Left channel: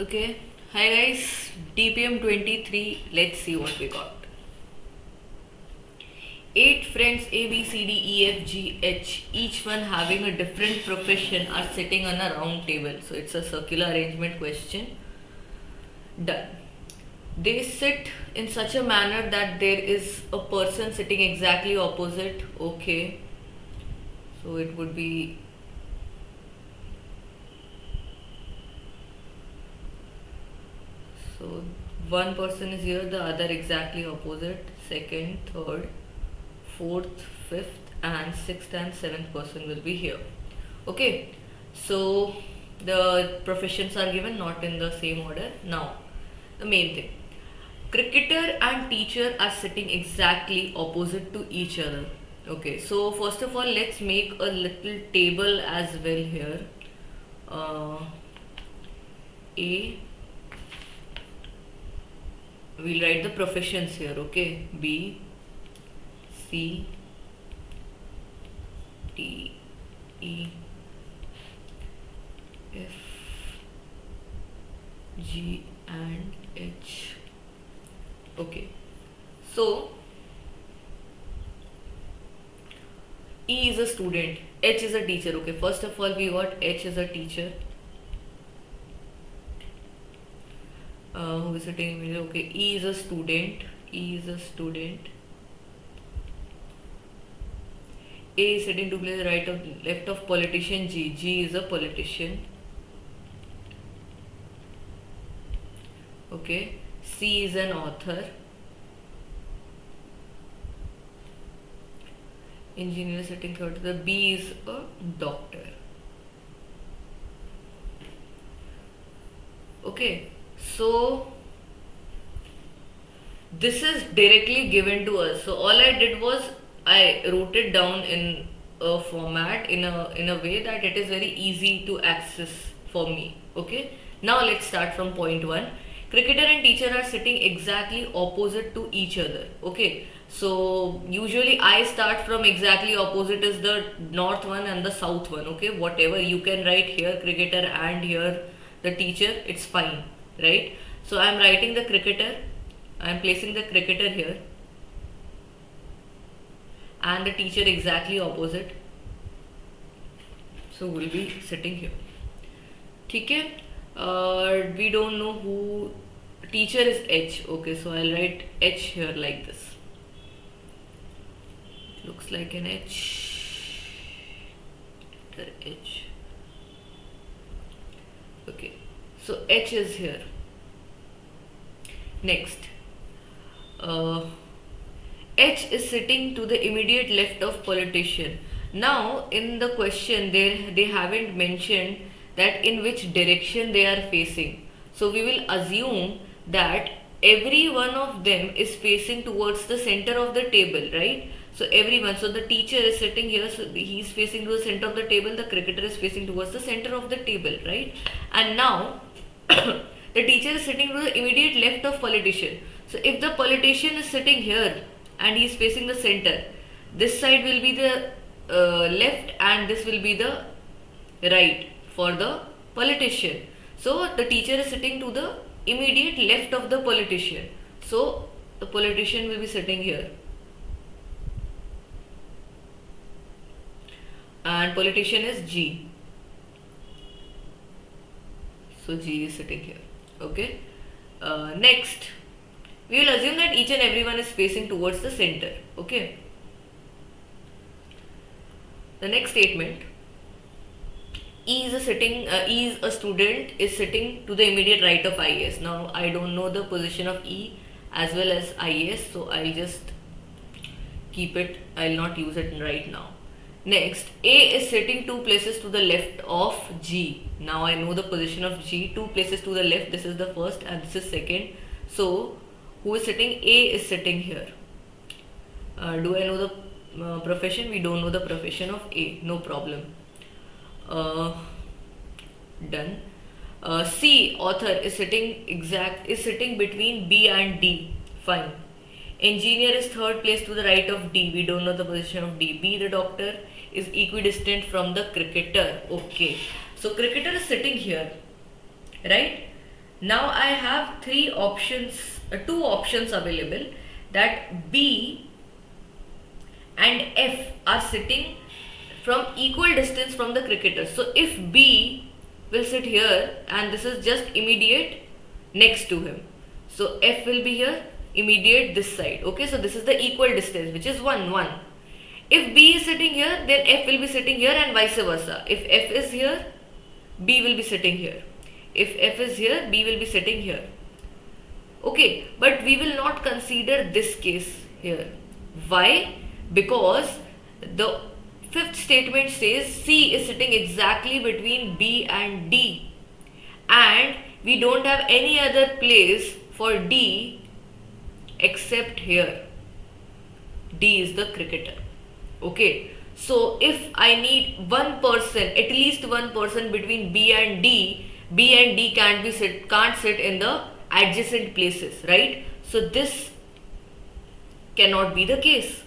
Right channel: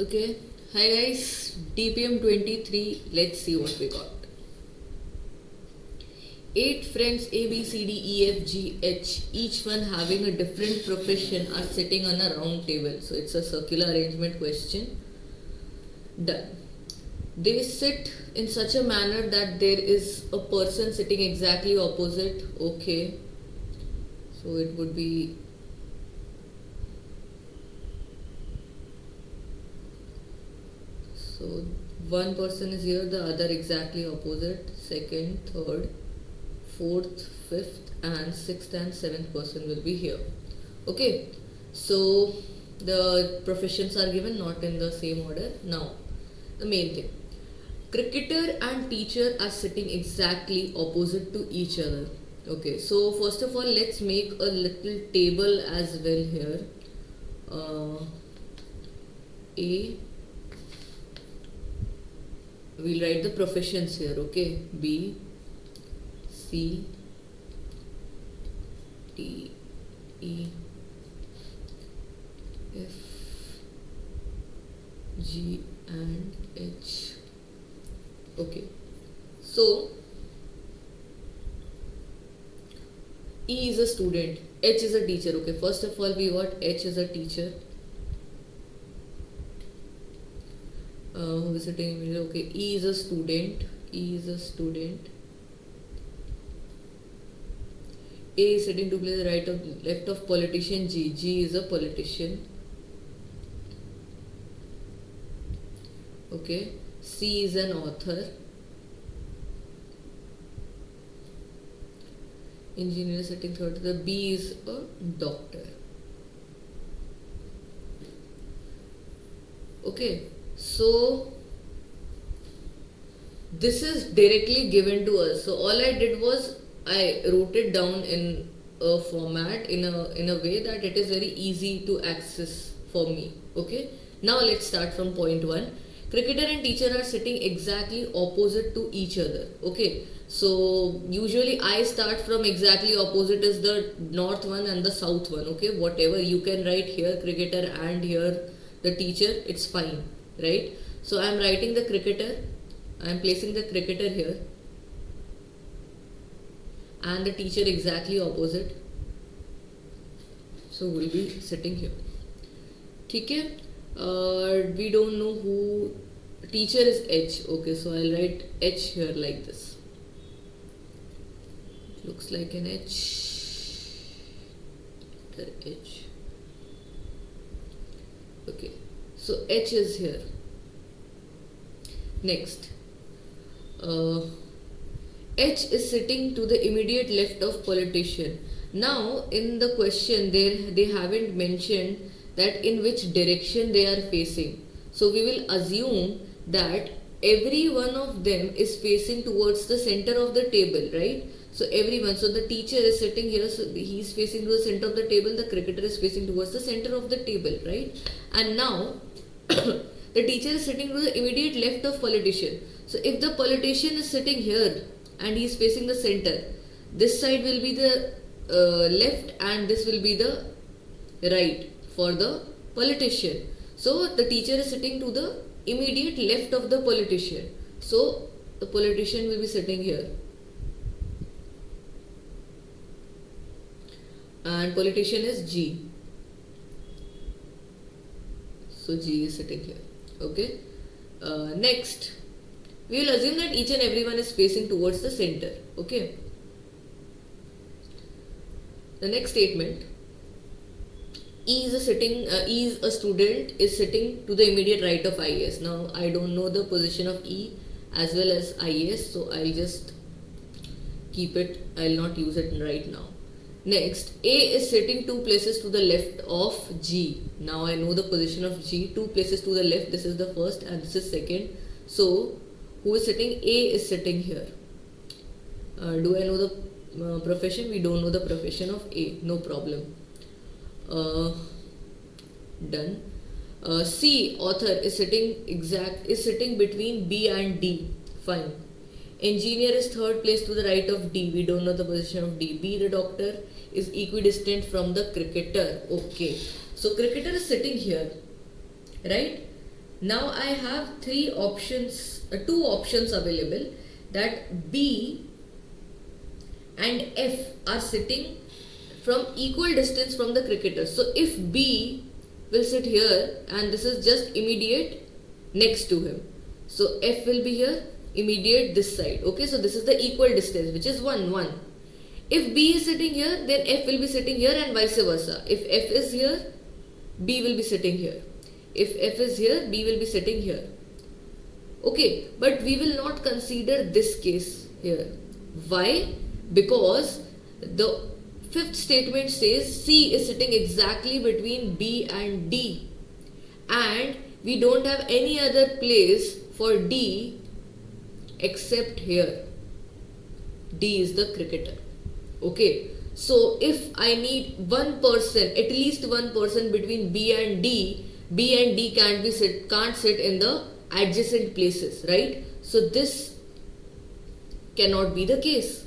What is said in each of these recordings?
Okay, hi guys, DPM023, let's see what we got. 8 friends A, B, C, D, E, F, G, H, each one having a different profession, are sitting on a round table. So it's a circular arrangement question. Done. They sit in such a manner that there is a person sitting exactly opposite. Okay, so it would be so one person is here, the other exactly opposite, second, third, fourth, fifth, and sixth and seventh person will be here. Okay, so the professions are given not in the same order. Now, the main thing, cricketer and teacher are sitting exactly opposite to each other. Okay, so first of all, let's make a little table as well here. Uh, A, we'll write the professions here. Okay, B, C, D, E, F, G and H. Okay, so E is a student, H is a teacher. Okay, first of all we got H is a teacher. Who is sitting in the middle? Okay, E is a student. E is a student. A is sitting to play the right of left of politician G. G is a politician. Okay, C is an author. Engineer sitting third to the B is a doctor. Okay, so this is directly given to us. So all I did was I wrote it down in a format in a way that it is very easy to access for me. Okay, now let's start from point 1. Cricketer and teacher are sitting exactly opposite to each other. Okay, so usually I start from exactly opposite is the north one and the south one. Okay, whatever you can write here cricketer and here the teacher, it's fine, right? So I'm writing the cricketer, I'm placing the cricketer here and the teacher exactly opposite, so we'll be sitting here. Okay, we don't know who teacher is H. Okay, so I'll write H here like this. It looks like an H. H. Okay, so H is here. Next, H is sitting to the immediate left of politician. Now in the question they haven't mentioned that in which direction they are facing. So we will assume that every one of them is facing towards the center of the table, right? So everyone, so the teacher is sitting here, so he is facing to the center of the table, the cricketer is facing towards the center of the table, right? And now the teacher is sitting to the immediate left of politician. So if the politician is sitting here and he is facing the center, this side will be the left and this will be the right for the politician. So the teacher is sitting to the immediate left of the politician. So the politician will be sitting here. And politician is G. So G is sitting here. Okay. Next, we will assume that each and everyone is facing towards the center. Okay. The next statement, E is a student is sitting to the immediate right of IAS. Now I don't know the position of E as well as IAS, so I'll just keep it. I'll not use it right now. Next, A is sitting 2 places to the left of G. Now I know the position of G, 2 places to the left. This is the first and this is second. So who is sitting? A is sitting here. Do I know the profession? We don't know the profession of A. No problem. Done. C, author, is sitting between B and D. Fine. Engineer is third place to the right of D. We don't know the position of D. B, the doctor, is equidistant from the cricketer. Okay. So cricketer is sitting here, right? Now I have two options available, that B and F are sitting from equal distance from the cricketer. So if B will sit here and this is just immediate next to him, so F will be here, immediate this side. Okay, so this is the equal distance, which is 1, 1. If B is sitting here, then F will be sitting here, and vice versa. If F is here, B will be sitting here. If F is here, B will be sitting here. Okay, but we will not consider this case here. Why? Because the fifth statement says C is sitting exactly between B and D, and we don't have any other place for D except here. D is the cricketer. Okay, so if I need one person, at least one person between B and D can't sit in the adjacent places, right? So this cannot be the case,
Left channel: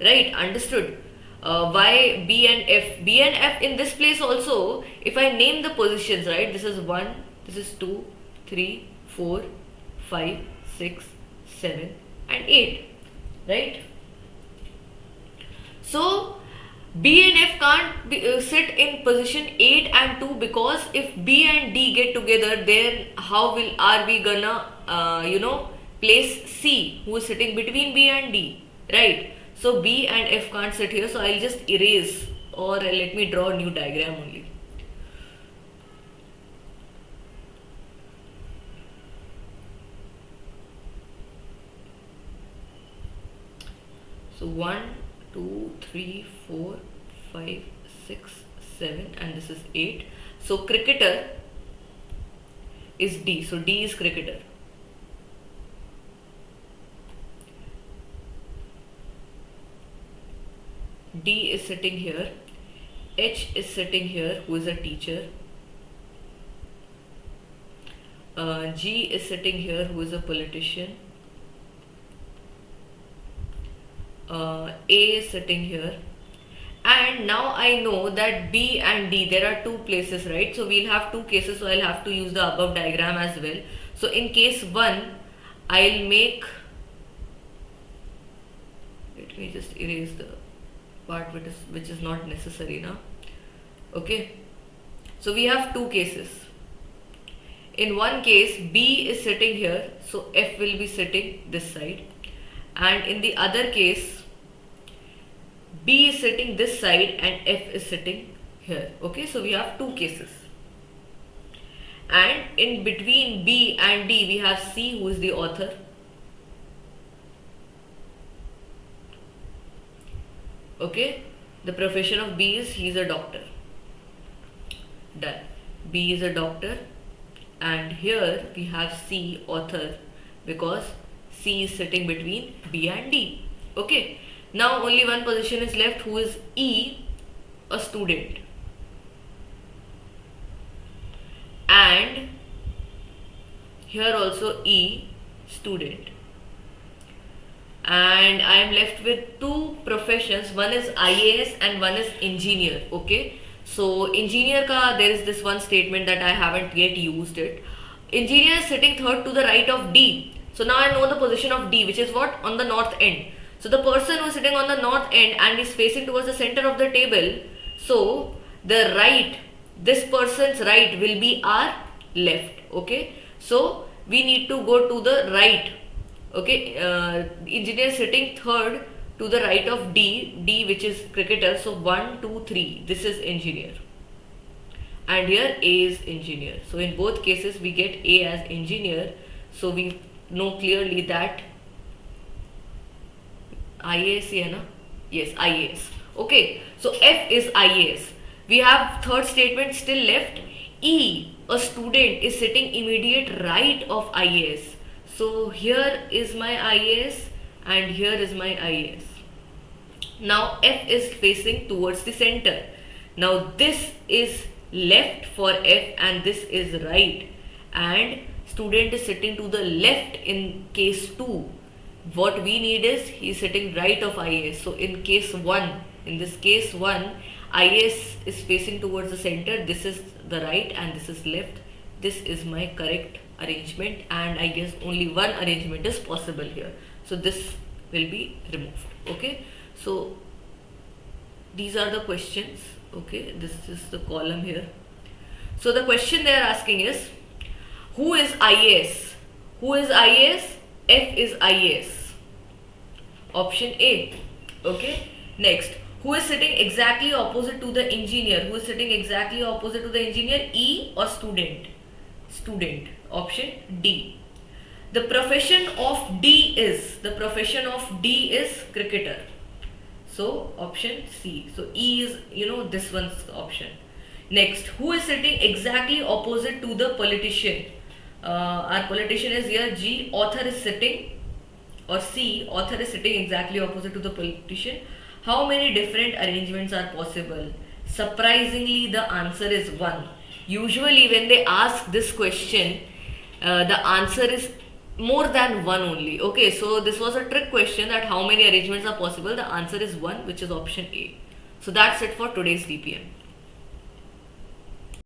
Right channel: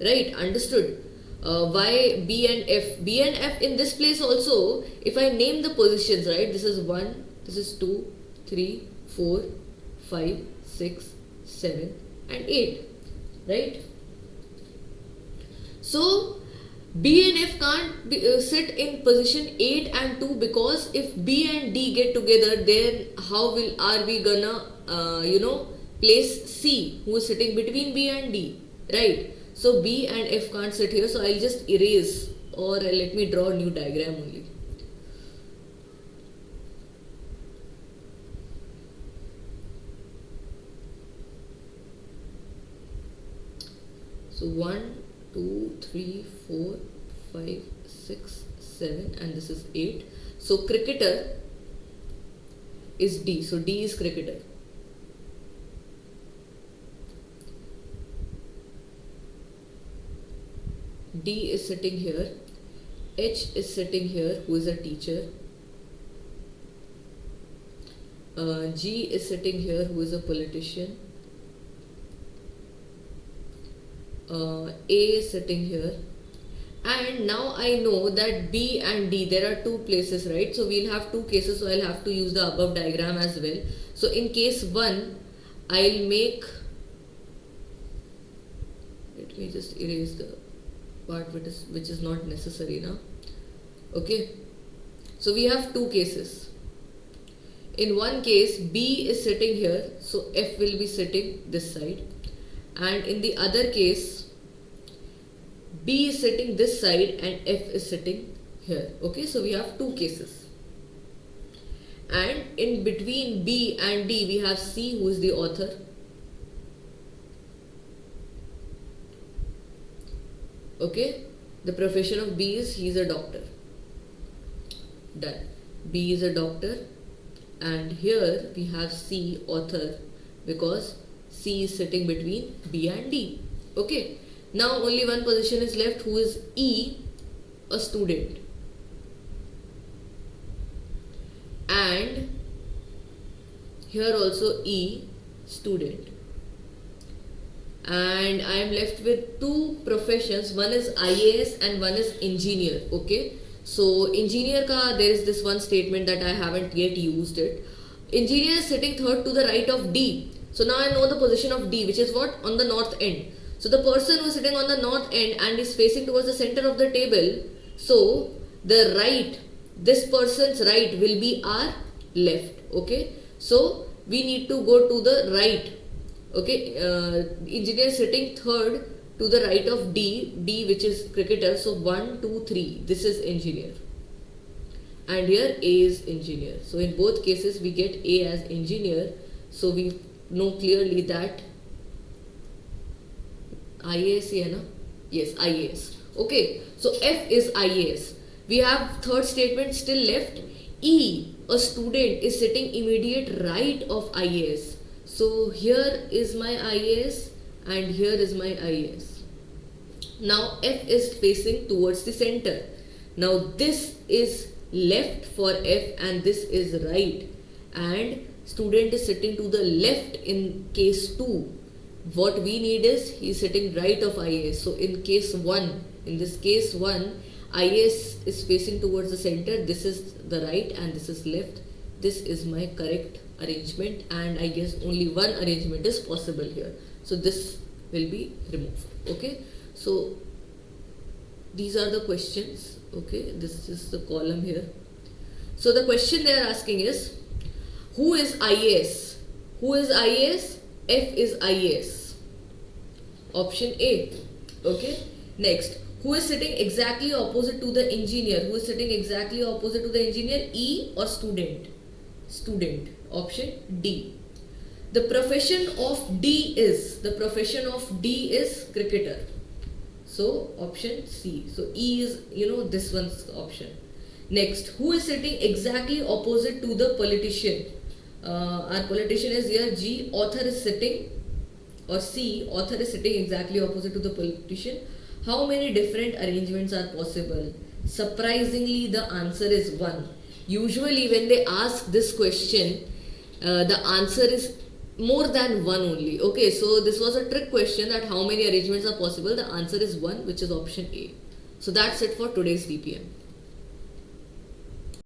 right? Understood? Why B and F? B and F in this place also, if I name the positions, right? This is 1, this is 2, 3, 4, 5, 6, 7 and 8, right? So B and F can't sit in position 8 and 2, because if B and D get together, then how are we gonna place C, who is sitting between B and D, right? So B and F can't sit here, so I'll just erase, or let me draw a new diagram only. So 1, 2, 3, 4, 5, 6, 7 and this is 8. So cricketer is D. So D is cricketer. D is sitting here. H is sitting here, who is a teacher. G is sitting here, who is a politician. A is sitting here, and now I know that B and D, there are two places, right? So we'll have two cases, so I'll have to use the above diagram as well. So in case 1, I'll make, let me just erase the part which is not necessary now. Okay, so we have two cases. In one case, B is sitting here, so F will be sitting this side, and in the other case, B is sitting this side and F is sitting here. Okay, so we have two cases, and in between B and D we have C, who is the author. Okay, the profession of B is, he is a doctor. Done. B is a doctor, and here we have C, author, because C is sitting between B and D. Okay, now only one position is left, who is E, a student. And here also E, student. And I am left with two professions, one is IAS and one is engineer. Okay, so engineer ka, there is this one statement that I haven't yet used it. Engineer is sitting third to the right of D. So now I know the position of D, which is what? On the north end. So the person who is sitting on the north end and is facing towards the center of the table, so the right, this person's right will be our left. Okay, so we need to go to the right. Okay, engineer sitting third to the right of D, which is cricketer. So 1, 2, 3, this is engineer, and here A is engineer. So in both cases we get A as engineer. So we know clearly that IAS hai na? Yes, IAS. Okay, so F is IAS. We have third statement still left. E, a student, is sitting immediate right of IAS. So here is my IAS and here is my IAS. Now F is facing towards the center. Now this is left for F and this is right, and student is sitting to the left in case 2. What we need is, he is sitting right of IAS. So in case 1, in this case 1, IAS is facing towards the center. This is the right and this is left. this is my correct arrangement, and I guess only one arrangement is possible here. So this will be removed. Okay, so these are the questions. Okay, this is the column here. So the question they are asking is, who is IAS? Who is IAS? F is IAS. Option A. Okay. Next, who is sitting exactly opposite to the engineer? Who is sitting exactly opposite to the engineer? E or student? Student. Option D. The profession of D is cricketer. So option C. So E is this one's option. Next, who is sitting exactly opposite to the politician? Our politician is here. G. Author is sitting, or C. Author is sitting exactly opposite to the politician. How many different arrangements are possible? Surprisingly, the answer is 1. Usually when they ask this question, the answer is more than 1 only. Okay, so this was a trick question, that how many arrangements are possible. The answer is 1, which is option A. So that's it for today's DPM.